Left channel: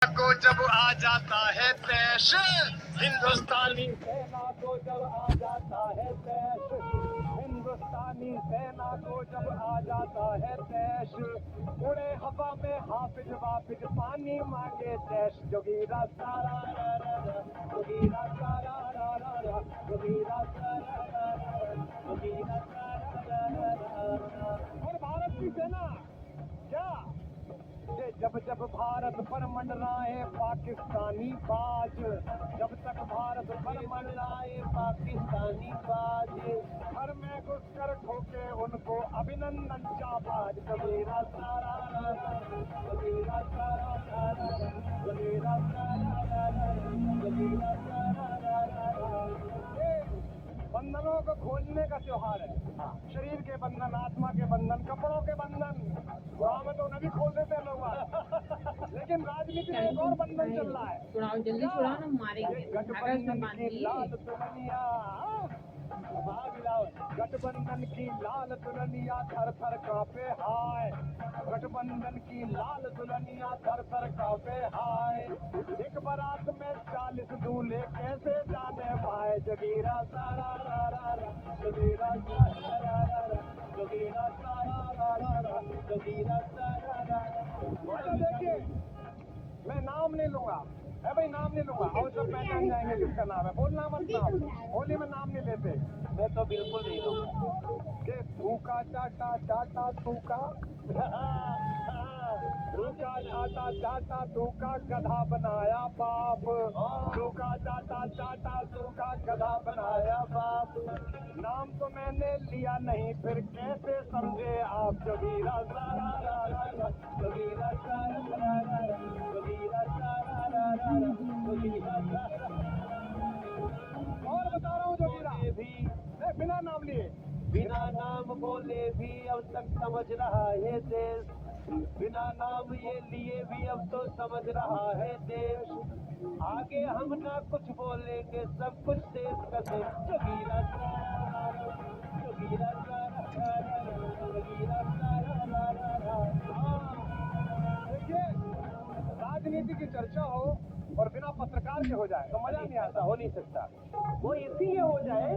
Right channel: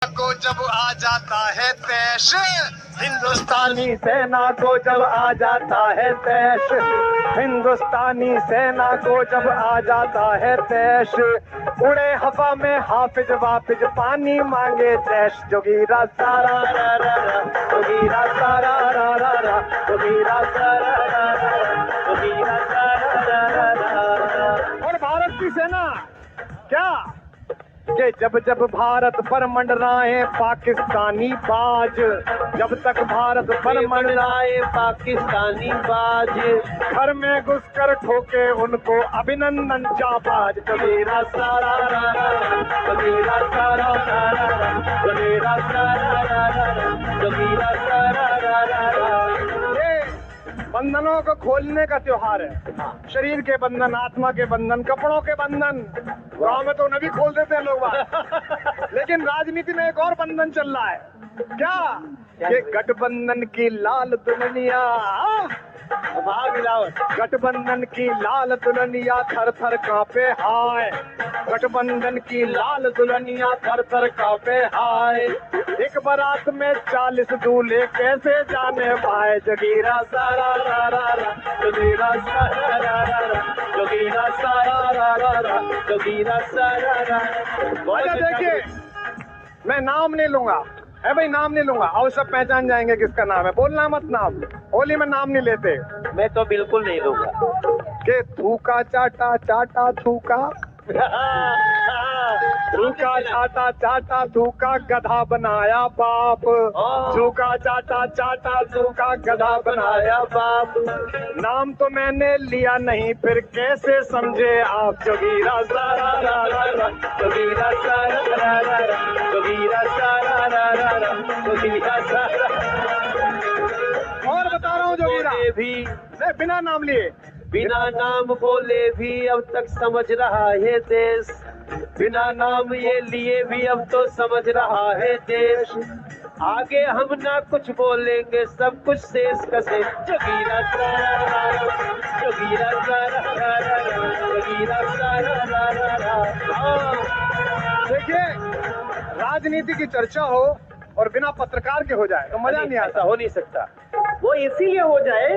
को जब आ जाता है तैश, हिंदुस्तानी सेना को जब आ जाता है तैश, हिंदुस्तानी सेना को जब आ जाता है तैश, उड़े हवा में हाफिज वाफिज पानी मांगे तैश। जोगीरा सारा रा रा रा, जोगीरा सारा रा रा रा, जोगीरा सारा रा रा रा, जोगीरा सारा रा रा रा। और भारत की सेना क्या कि जब जब भारत पर मंडराए पाकिस्तानी बाज, जब तक भारत पर मंडराए पाकिस्तानी बाज, घर में घुसकर ठोके उनको अभिनंदन जाबाज। जोगीरा सारा रा रा रा, जोगीरा सारा रा रा रा, जोगीरा सारा रा रा रा, जोगीरा सारा रा रा रा। ये बंधनों को खोलने का त्योहार है। शरीर के बंधन, आत्मा के बंधन, कपड़ों के बंधन। गाँव में तो नभी खोल देते हैं लोग बात, लेकिन राजनीति में एक और बंधन चल रहा है। क्या ये गठबंधन की लाल दुल्हनिया, गठबंधन की लाल दुल्हनिया थर थर कांपे हाय, गठबंधन की लाल दुल्हनिया थर थर कांपे हाय। एक बारात में 40 दूल्हे कैसे जाने पाए। जोगीरा सारा रा रा रा, जोगीरा सारा रा रा रा, जोगीरा सारा रा रा रा, जोगीरा सारा रा। देखिए, मैं नाम नहीं लूंगा, है भाई, नाम नहीं लूंगा, और सब पहचान जाएंगे किसका नाम है। बोलना मत नाम, होली में नाम नहीं लेते। मैं तो बिल्कुल नहीं लूंगा। के थूका चाटा चाटा थूका, थूका चाटा चाटा थूका गधा बनाया बाप, थूका चाटा चाटा थूका गधा बनाया बाप। नाम तो मैंने लिया नहीं, फिर कैसे समझे आप। जोगीरा सारा रा रा रा, जोगीरा सारा रा रा रा, जोगीरा सारा रा रा रा, जोगीरा सारा। और बता रहा हूँ जोगीरा भी बिना नाम लिए, बिना नाम बोले भी अब तक समझ रहा है देश, बिना नाम ये लिए भी अब तो समझ रहा है देश। आगे हम ना कुछ बोलेंगे, सब कुछ शेष कसे। जोगीरा सारा रा रा, जोगीरा सारा रा रा रा, जोगीरा सारा रा रा रा। देखिए, राजनीति की चर्चा हो और बिना पत्रकार के हो जाए तो मजा नहीं आता। हो नहीं सकता। वो इसीलिए हो जाए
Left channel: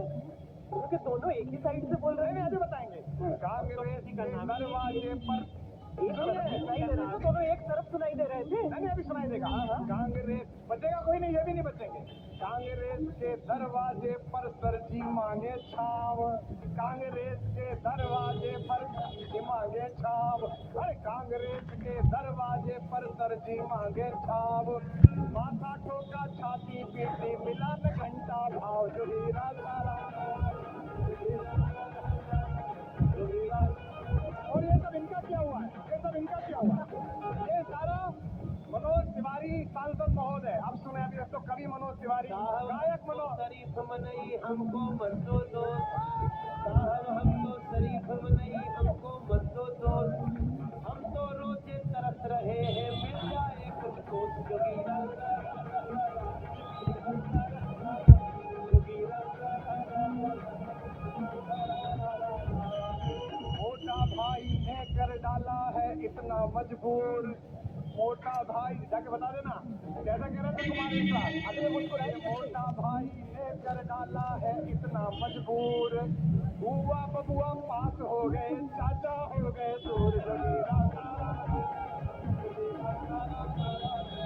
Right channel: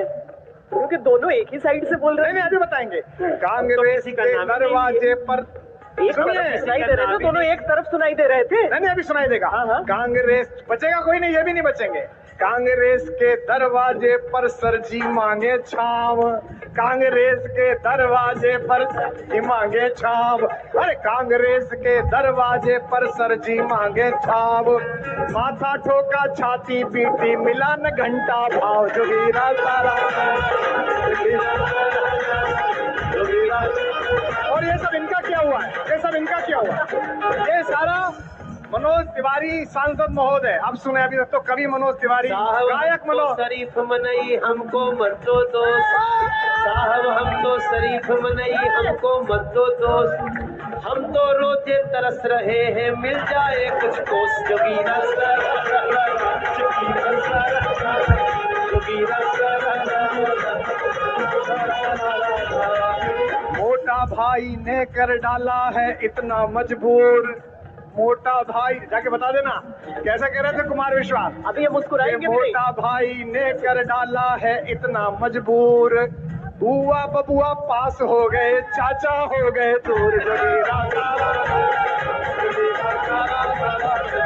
क्योंकि दोनों एक ही साइड से बोल रहे हैं। अभी बताएंगे। कांग्रेस के दरवाजे पर एक तरफ सुनाई दे रहे थे, दोनों एक तरफ सुनाई दे रहे थे। नहीं, अभी सुनाई देगा। हाँ। कांग्रेस बचेगा कोई नहीं, ये भी नहीं बचेंगे। कांग्रेस के दरवाजे पर सरजी मांगे छाव, कांग्रेस के दरवाजे पर सरजी मांगे छाव। अरे कांग्रेस के दरवाजे पर सरजी मांगे छाव, माथा ठोका छाती पीटी मिला न घंटा भाव। जोगीरा सारा, और ये सब इनका क्या हुआ है, ये सब इनका क्या हुआ। ये सारा मनोज तिवारी सांसद महोदय, अब सुने, अभी तक तो कवि मनोज तिवारी, गायक मनोज। शरीफ मनई हमको मत दो दोस्त, साहब हम तो शरीफ मनई हमको मत दो दोस्त, हम तो रोजे तरस रहे हैं मिल जाए कुछ कोस। जोगीरा सारा रा रा रा, जोगीरा सारा रा रा रा, जोगीरा सारा रा रा रा। मोटा भाई ने कर डाला है इतना मजबूर, मोटा भाई जाके बता देना कैसा कह रहे थे कुमार विश्वास। अभी ये मुस्कुराएंगे। मोटा भाई ने कर डाला है इतना मजबूर, बुआ बबुआ पास हो गए चाचा हो गए दूर। जोगीरा सारा रा रा, जोगीरा सारा रा रा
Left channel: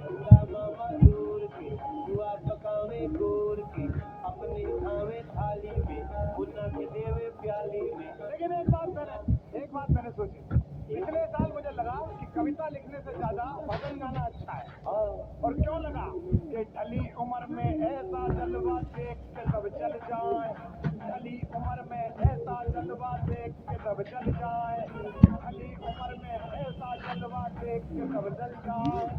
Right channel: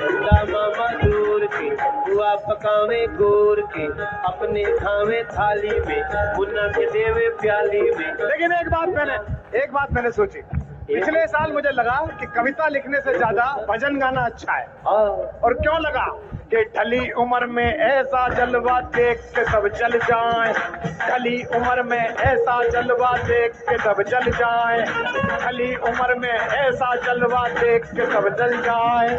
चंदा मामा दूर के बुआ पकावे गोर के, अपने खावे थाली में मुन्ना के देवे प्याली में। लेकिन एक बात मैंने सोची, पिछले साल मुझे लगा कि कविता लिखने से ज्यादा भजन गाना अच्छा है। और क्यों लगा कि ढली उम्र में ऐसा जलवा देख के सब जल जाएं, ढली उम्र में ऐसा जलवा देख के सब जल जाएं, ढली उम्र में ऐसा जलवा देख के सब जल जाएं।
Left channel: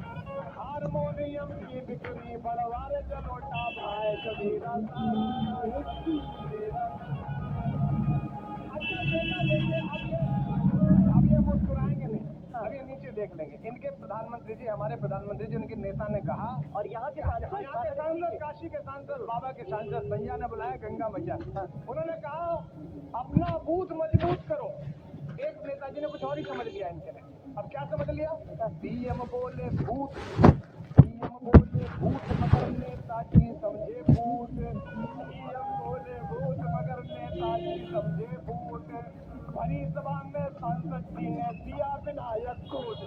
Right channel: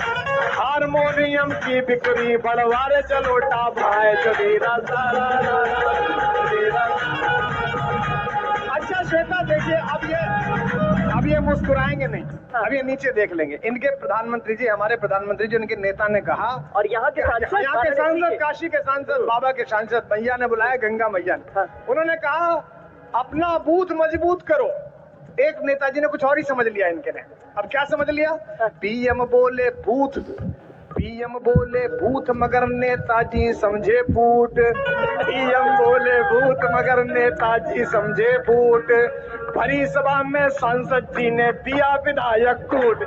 हारमोनियम की बिक्री बढ़वारे चलोटा भाई। जोगीरा सारा रा रा, जोगीरा। अच्छा श्वेता, देखिए अब ये मुस्कुराएंगे नहीं, अब ये नीचे देख लेंगे। इनके प्रधानमंत्री जी, हमारे प्रधानमंत्री जी, उनके नेता ने कहा, और यहाँ के सांसद, काशी के सांसद, बाबा के सांसद भैया ने बुलाया, गंगा मैया ने, उन्होंने कहा अपना बूथ मजबूत करो। एक नेताजी ने कुछ और ही समझ लिया इनके ने, अब क्या समझ लिया? पीएम बोले भूत, पीएम बोले भूत मगर नेताजी समझे फूट, पीएम बोले भूत मगर नेताजी समझे फूट, भरी सभा में सांसद जी ने दिया विधायक कूट।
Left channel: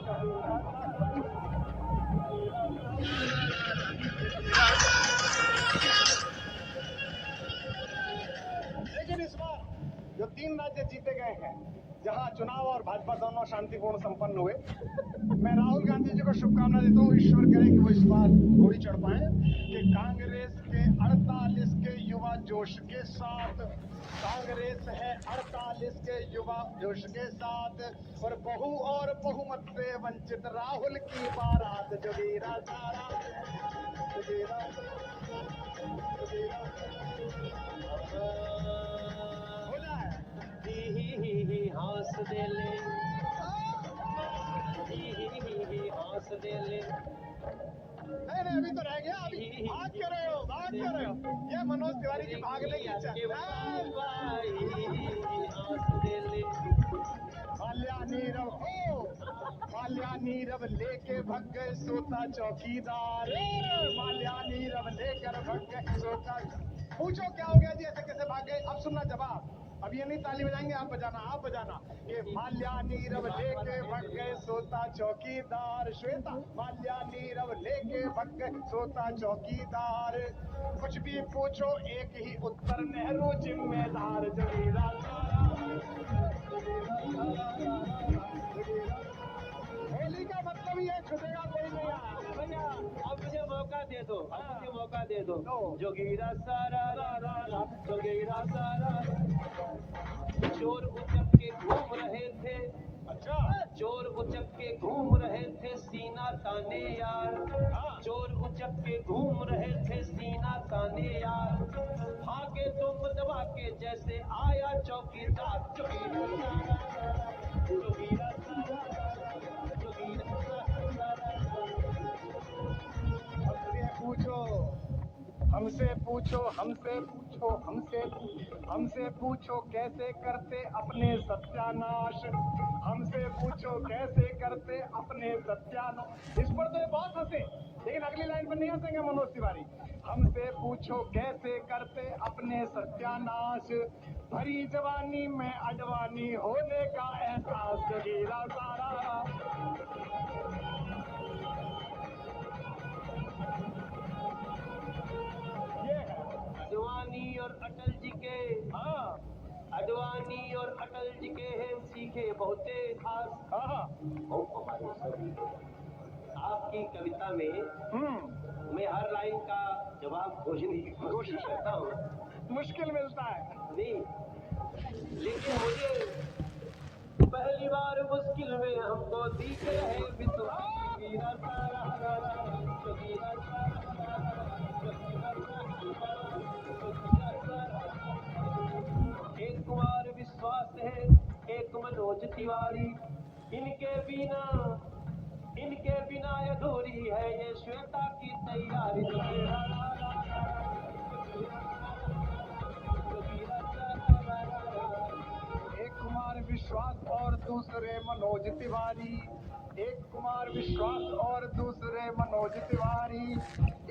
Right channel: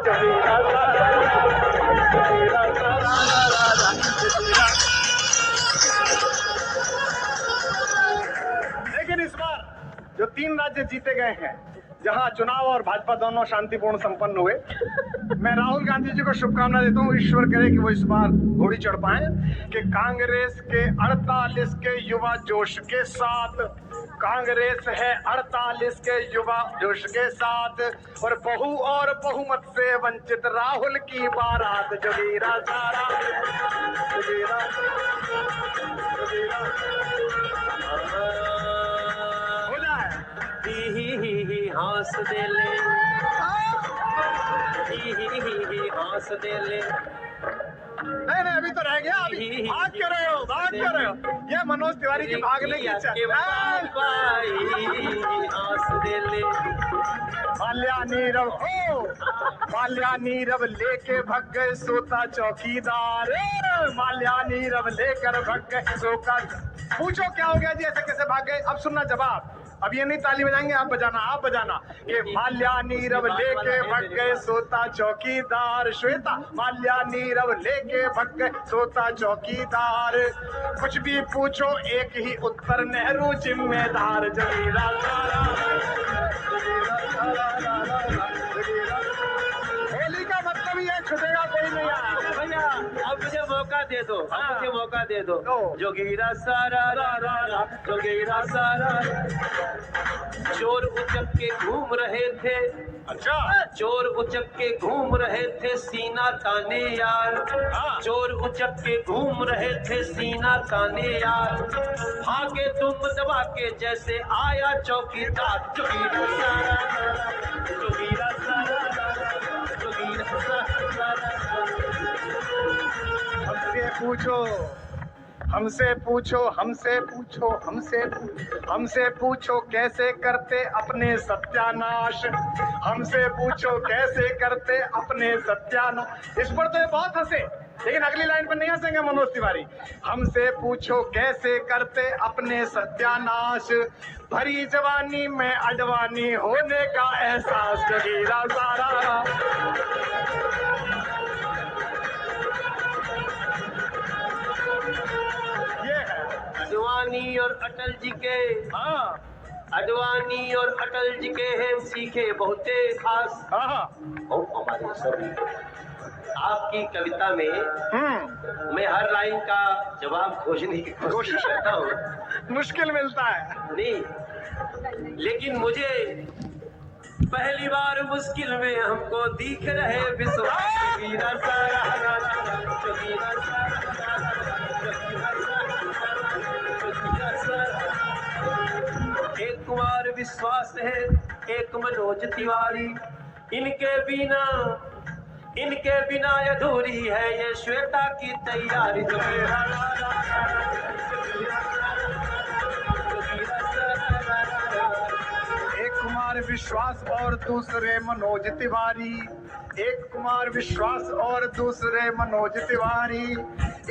लेकिन इस बार जो 3 राज्य जीते गए हैं, जहां चुनाव और भाजपा दोनों शांतिपूर्ण संपन्न हुए, मैं राहुल गांधी जी को शुभकामना देता हूँ। ईश्वर करे कि वो इस बार घोड़ी चढ़ पाए, कि कांग्रेस के 48 के युवा जोश के साथ, कांग्रेस है 48 के युवा जोश के साथ, और बहु और बहुमत से वंचित राहुल की बारात। जोगीरा सारा जोगीरा, जोगीरा हो जाए। ही हंस दे ले, ही हंस दे ले। नहीं अभी तो रह गया, अभी भाग कर रहे हो, भाग कर रहे हो। ये मनोज तिवारी की भागने की इच्छा। हंस दे ले। माल्या नीरव हो, माल्या नीरव लेके भग गए सोता चौकीदार, माल्या नीरव लेकर भग गए सोता। पूछो क्या हो गया जी, ऐसे कैसे भाग गए? अब सुनना जवाब। अब ये नहीं ताली बजाएंगे, आप बजाना, आप बजाना। ये माल्या नीरव लेके भग गए सोता चौकीदार, श्वेता माल्या नीरव लेके भग गए सोता चौकीदार, कुछ भी पूछो एक ही उत्तर, नेहरू जिम्मेदार। जगीरा होली का मतलब ही है छुटेगा कोई नहीं। भैया अब मुझे मौका दे दो, अब मुझे मौका दे दो। जोगीरा सारा रा रा रा, जोगीरा सारा। चोर उचक के घूम रहे थे, अच्छा चोर उचक के घूम रहे थे सीना ताने यार, चोर उचक के घूम रहे थे सीना ताने यार, भागे तुम दबा के जैसे आया चौकीदार। जोगीरा सारा, जोगीरा सारा, जोगीरा सारा। हमसे पूछो, हमसे पूछो, हमसे पूछो, हमसे पूछो कैसे करते अपने सत्यानाश, हमसे पूछो कैसे करते अपने सत्यानाश। इस पर तो ये बहुत हंसे, लेकिन अगली लाइन पर नहीं हंसेंगे मनोज तिवारी। हमसे पूछो कैसे करते अपने सत्यानाश, भरी जवानी में अडवाणी होने का एहसास। जोगीरा सारा, अडवाणी और अटल जी के, अडवाणी और अटल जी के हैं सीखे बहुते खास। और हमारे सभी आपकी कविता में मैं हर लाइन का जवाब खोजने की कोशिश करता हूँ, मुश्किल मिलता है नहीं, लेकिन मुझे पहली बार मुश्किल में हमको दिख रहे विश्वास। जोगीरा सारा, जोगीरा सारा, एक कुमार विश्वास है, एक मनोज तिवारी, इनके बिना अधूरी है ये श्वेता की तैयारी। एक कुमार विश्वास और दूसरे मनोज तिवारी, एक कुमार विश्वास और दूसरे मनोज तिवारी,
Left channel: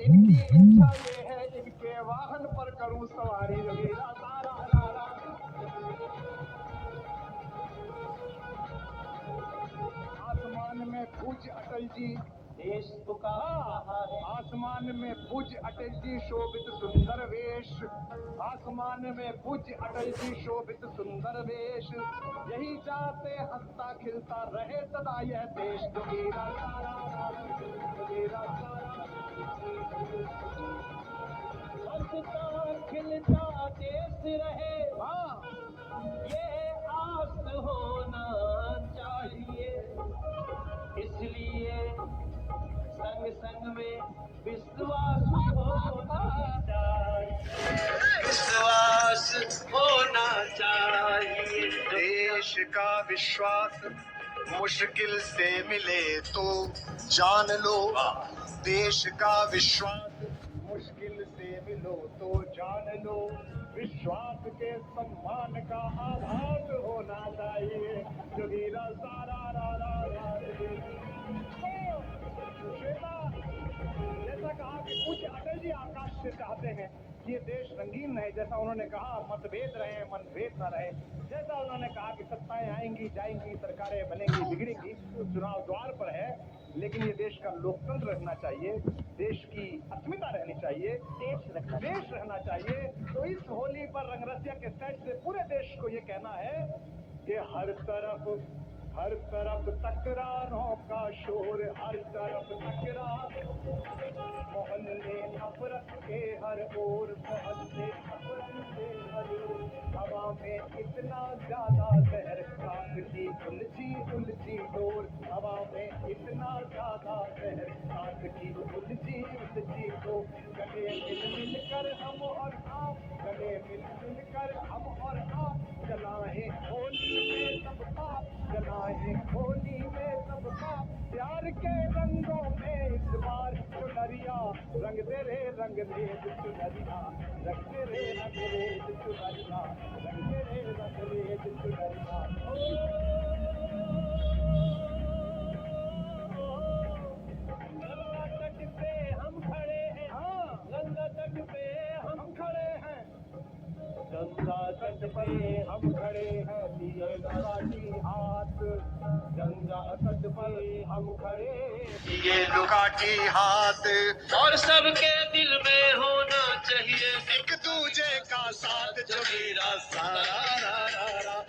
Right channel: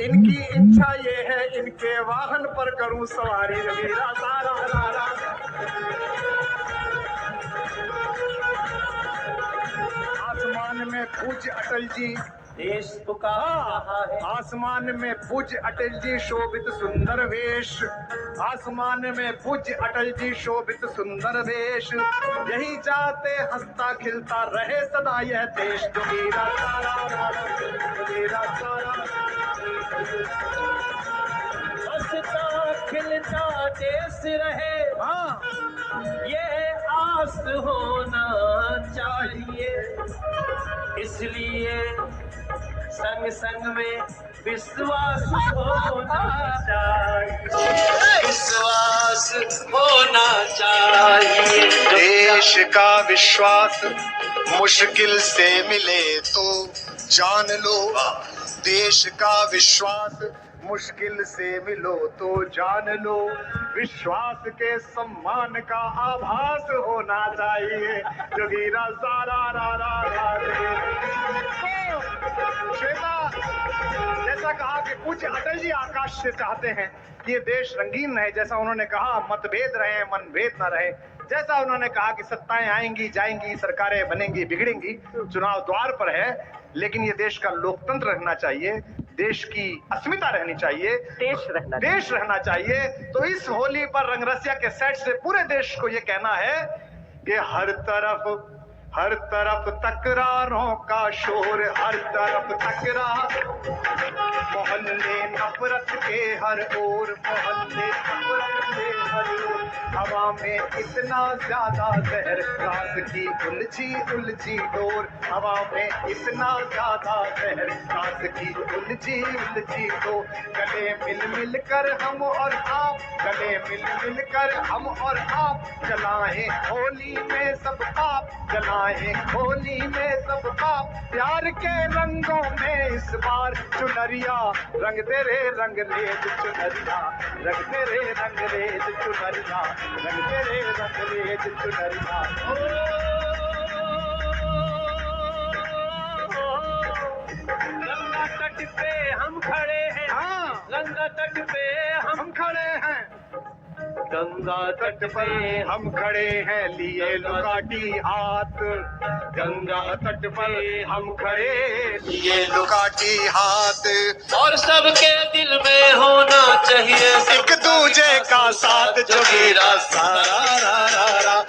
इनकी इच्छा ये है इनके वाहन पर करूं सवारी। जोगीरा सारा रा रा। आसमान में पूज्य अटल जी, देश पुकार रहा है, आसमान में पूज्य अटल जी शोभित सुंदर वेश, आसमान में पूज्य अटल जी शोभित सुंदर वेश, यही चाहते हंसता खिलता रहे सदा यह देश। जोगीरा सारा, जोगीरा सारा, हंसता खिलता देश रहे, ये आस होना चाहिए, इसलिए संग संग में विश्वास होना चाहिए, विश्वास होना चाहिए। देश का विश्वास मुश्किल से मिले तो जान लो, देश का विश्वास मुश्किल से मिलो तो जान लो, विश्वास के सम्मान का आभास होना चाहिए। जोगीरा सारा रा रा रा रे। श्वेता, जैसा कहा कि पूज्य अटल जी आकाश से चाहते हैं कि ये देश रंगीन रहे, जैसा उन्होंने कहा मतभेद रहे मनभेद न रहे, जैसा उन्होंने कहा कि सत्ताएं आएंगी जाएंगी, सरकारें बनेंगी बिगड़ेंगी, चुनाव द्वार पर है, लेकिन ये देश का लोकतंत्र रहना चाहिए, देश की अस्मिता रहनी चाहिए, देश रहना चाहिए। तो इस होली पर रंगरसिया के सेट से पूरे देश को ये कहना है कि हर तरफ तकरारों का शोर, हर तरफ तकरार, मोहल्ले नफरत के हर ओर, मोहल्ले नफरत के हर ओर, हवा में इतना ज्यादा जहर, रात की उलझी डोर, हवा में इतना ज्यादा जहर, रात की उलझी डोर। गले मिल कर हम और आप, गले मिल कर हम और आप, जलाएं होली में सब पाप, जलाएं होली में सब पाप, प्यार के रंगों में इस बार चुनरिया रंग तेरे रंग रेज चुनरिया, रंग तेरे रंग रेज चुनरिया, रंग तेरे रंग रेज चुनरिया। गंगा तट पे हम खड़े हैं, हाँ, गंगा तट पे हम खड़े हैं, गंगा तट पे हम खड़े हैं लिए लुकाटी हाथ, गंगा तट पर हम खड़े लिए लुकाटी हाथ, और सबके दिल में होना चाहिए एक दूजे का साथ, जोगीरा सारा रा रा रा,